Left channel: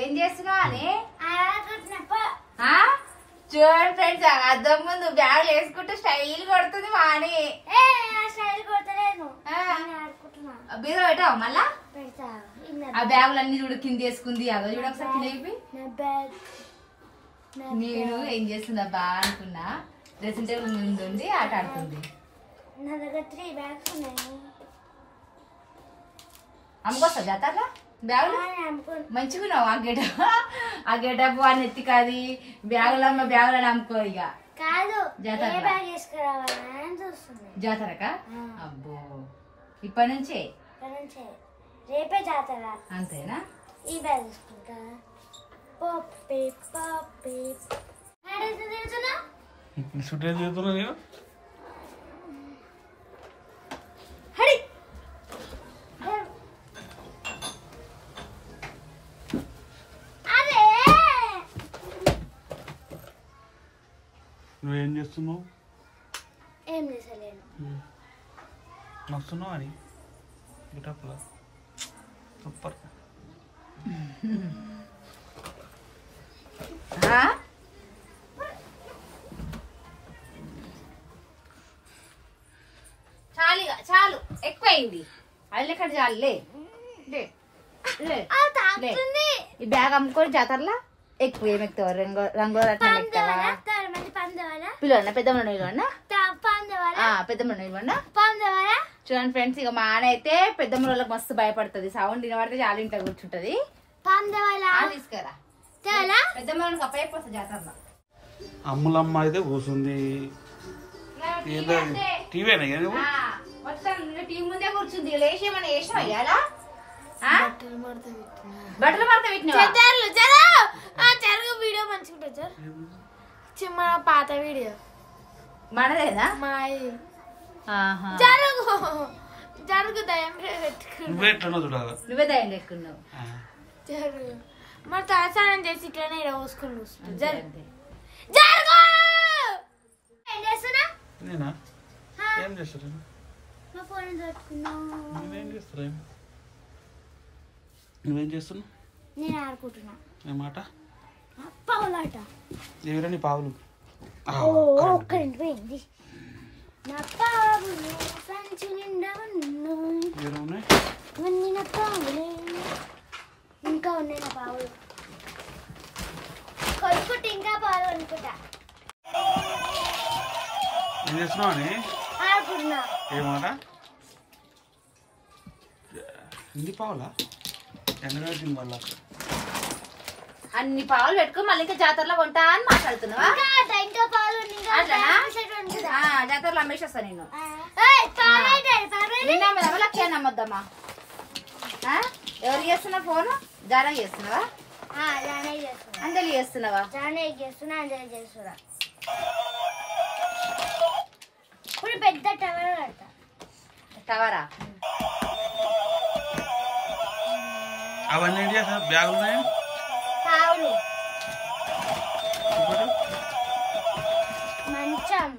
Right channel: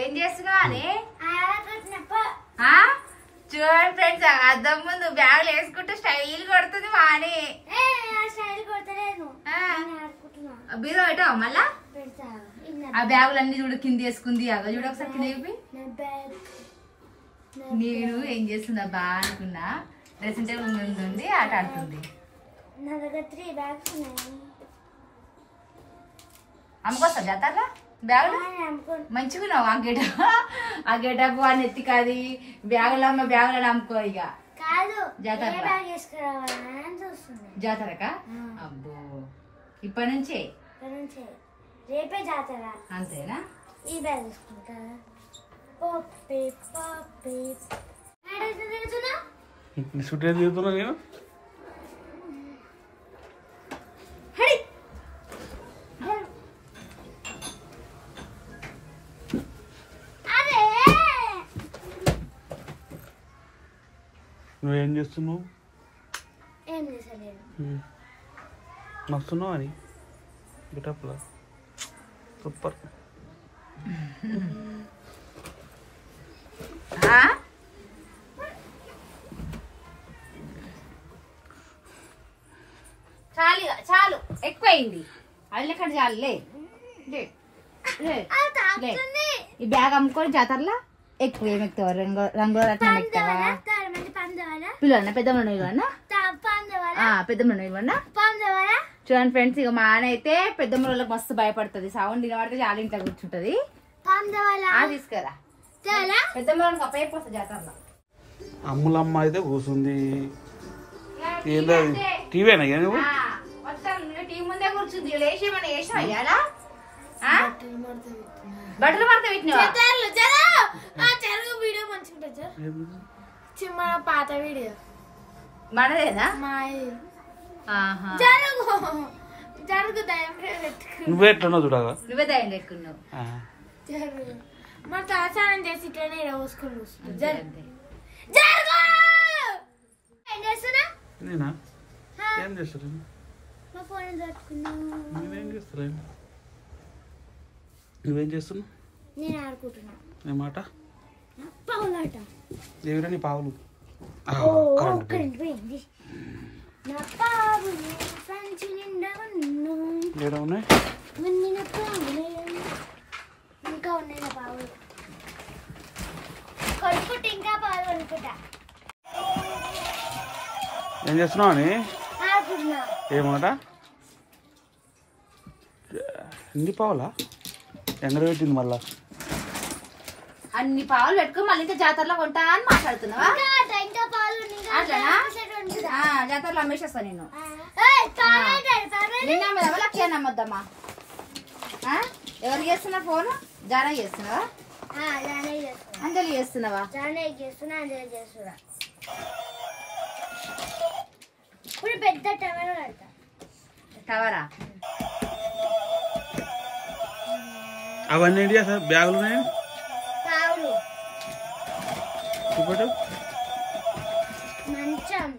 ఏం చేస్తున్నావు అని చూడండి ఫ్రెండ్స్, అద్దం ముందు బ్యాగులు వేసుకుంటూ స్టైల్ కొడుతుంది మాని. బీరో పెట్టావు మళ్ళా ఆ బ్యాగులు అన్ని చూడు కింద వేసుకుంది. అగో చూడ ఒకసారి లేపి. నేను ఏం చేస్తుందా బాగా అనుకున్నా, డ్రెస్సింగ్ టేబుల్ ముందు ఉంది ఆట ఆడుతుంది. నా దగ్గర 3 బ్యాగ్స్ ఉన్నాయి. అమ్ముకొస్తా జాతరలో బ్యాగులు మంచిగున్నావు. ఆ గెటప్ అని ఎత్తి కాది బ్యాగులు అమ్మ బ్యాగులని అమ్ముకో. ఇక కాదు జాతరకా? అబ్బో ఇప్పటి నుంచే రేపే జాతర అంతేనా? ఈ బ్యాగ్ తీసుకుంటా. నువ్వేం చేస్తున్నావు? ఏం చేసలేను. నస్తున్నావు అని గెటప్లో సూపర్. చాలు ఎక్కువైంది. అల్లెక్కడ చాలులే. ఈ బ్యాగ్ అమ్ముకొని జాతరలో ఎక్కువ ఏమెక్తావా? రంగు పిల్లలు పెద్దమ్మ చూడండి ఫ్రెండ్స్. ఇక మా ఆయన అయితే పెద్దమ్మ వాళ్ళకి మస్తు భయపడుతుంది. సౌండ్ వినబడితే చాలా ఇంట్లో కూర్చుంటది. తీసుకురా పెద్దమ్మ అప్పయిపోతుంది జాతరలో. అమ్ములమ్మ అయితే కూర్చుంది. టీవీనా టీవీ ముందే కూర్చుంది. లేచి ఏమన్నా వేసినా అయ్యాలా? బట్టలు మడత పెట్టినా వీడియో మంచిగా చిన్న పాత వీడియో మనదేనా? జరుగు దయం నువ్వే ఎట్లా చూడాలా? నువ్వే దయం పెట్టుకున్నావు. జరుగు మరి తలస్నానం చేసి ఇట్లనే రోజుకొని కూర్చుంటా. నేనా ఏం చేస్తాను? మా ఫోన్ పట్టుకున్నావు. నేనేం చేస్తాను? నువ్వేం చేస్తున్నావు? నేను ఆడుకుంటున్నా. ఏమాట పావులాట. ఎవరా నీ పావులు? పోయింది. నా పావులు సంచి నిండా ఉన్నాయి. నా పావులే ఇంకా ఉన్నాయి. నా పావులు కొనుక్కుంటే ఇంకా పాలు కొనుక్కుంటా. ఏం చేస్తున్నావు అని ఆడుకుంటున్నా. ఏమాట ఎన్ని పావులా? ఎంగడ పెట్టింది మళ్ళా? అన్ని పావులు పెట్టుకుని మళ్ళీ ఇంకా జాతరలో కొంటా అని మాట్లాడుతున్నావా? జాతరలో అమ్మేసేస్తా నేను. నిన్నమ్మదమ్మా లక్ష నమ్మొద్దమ్మా. ఎవరు చేస్తున్నా ఫోన్? జానా చేస్తున్నావా? అంజలి చేస్తున్నావా? ఇప్పుడు పెద్ద టవర్ కడతా. టవరా? అవన్నీ ఏంటి సార్? బ్యాగులు ఉన్నాయి. పావులు మంచం.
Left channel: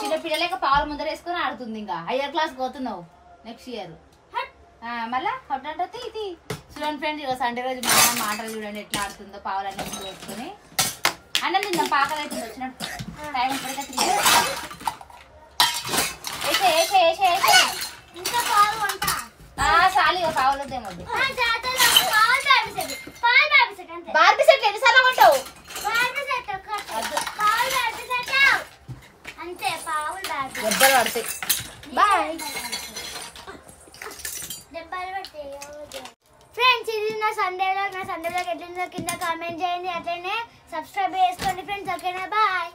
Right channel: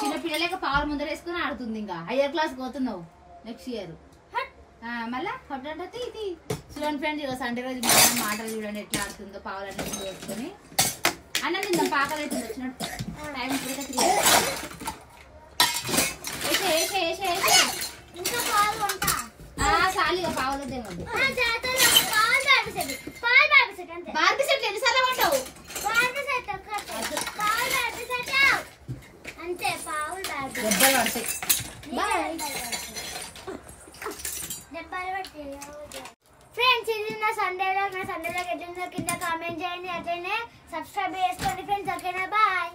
చిన్న పిల్లలేక పావుల ముందర వేసుకొని ఆడుతుంది. ఇంకా హైయర్ క్లాస్ పోతున్నావు నెక్స్ట్ ఇయర్. మళ్ళా కొట్టంటే ఇది చూడండి ఫ్రెండ్. ఇక సండే రోజు మాటలు చూడండి ఎట్లా ఆడుతుందో. పావులన్నీ ముందు వేసుకొని అన్నం తిందాం. పాకలు అయితే వచ్చినట్టు టైం ఇప్పటికే 3 సాలిగా పావులు వద్దేమొద్దు. బార్బీ సెట్ ఎన్నిసార్లు కొంటావు? అంతే పావులు దెబ్బలు పడతాయి. బాయ్. ఫ్రెండ్స్ ఇది నా సండే వ్లాగ్. ఎట్లుందో కింద కామెంట్ చేయండి. అట్లనే సబ్స్క్రైబ్ చేసుకోండి ఫ్రెండ్స్. ఓకేనా? బాయ్.